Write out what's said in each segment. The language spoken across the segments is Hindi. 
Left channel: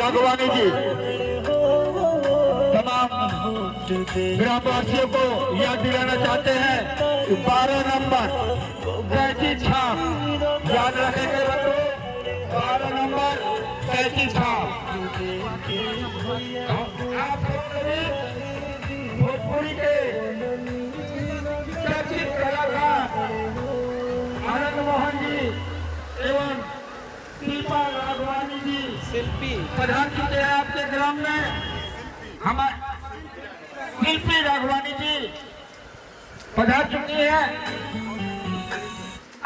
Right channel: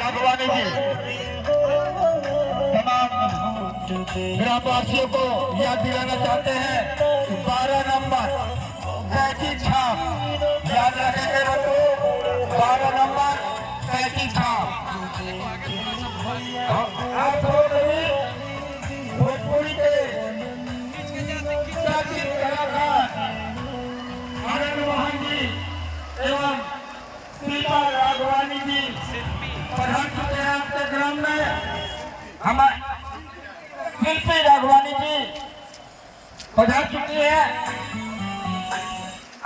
राघवानी जी तमाम ग्रामवासियों को याद दिलाना चाहते हैं कि 12 नंबर पैंतीस छाप याद रखेंगे बच्चों। 12 नंबर पैंतीस छाप भोजपुरी के चर्चित कलाकार आनंद मोहन जी एवं शिल्पा राघवानी जी प्रधान चुके हैं आपके ग्राम में। हमारे शिल्पी राघवानी जी पधार चुकी है।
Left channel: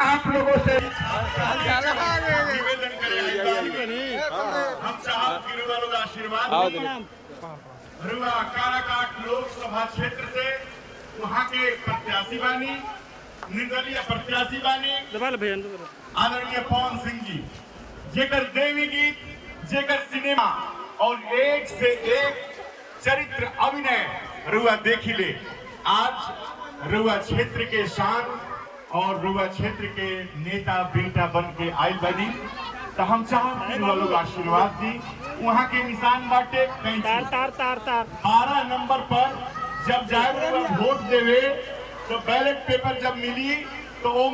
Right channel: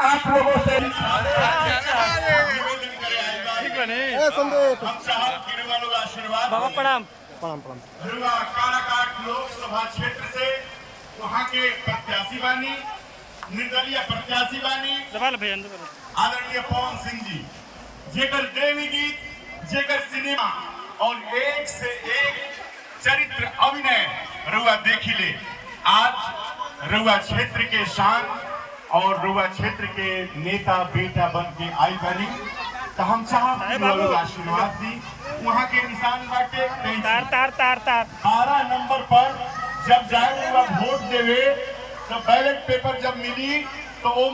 आप लोगों से निवेदन करें हम साहब गिरवालों का आशीर्वाद प्रणाम रुआ काराकाट लोकसभा क्षेत्र से वहाँ के प्रत्याशी बानी निर्दलीय प्रत्याशी बानी आदरणीय पवन सिंह जी जेकर दैवी गीत जेकर सिनेमा और एक से एक चरित्र अभिनय रुआ देखी ले। आज रुआ क्षेत्र के शान और रुआ क्षेत्र के नेता बेटा बन के आयल बनी तो हम चाहब आशीर्वाद दी। वहाँ के निशान बाटे तार तार तार तार 12 नंबर पर जब जाए वोट देवे तो बैलेट पेपर जब मिली तो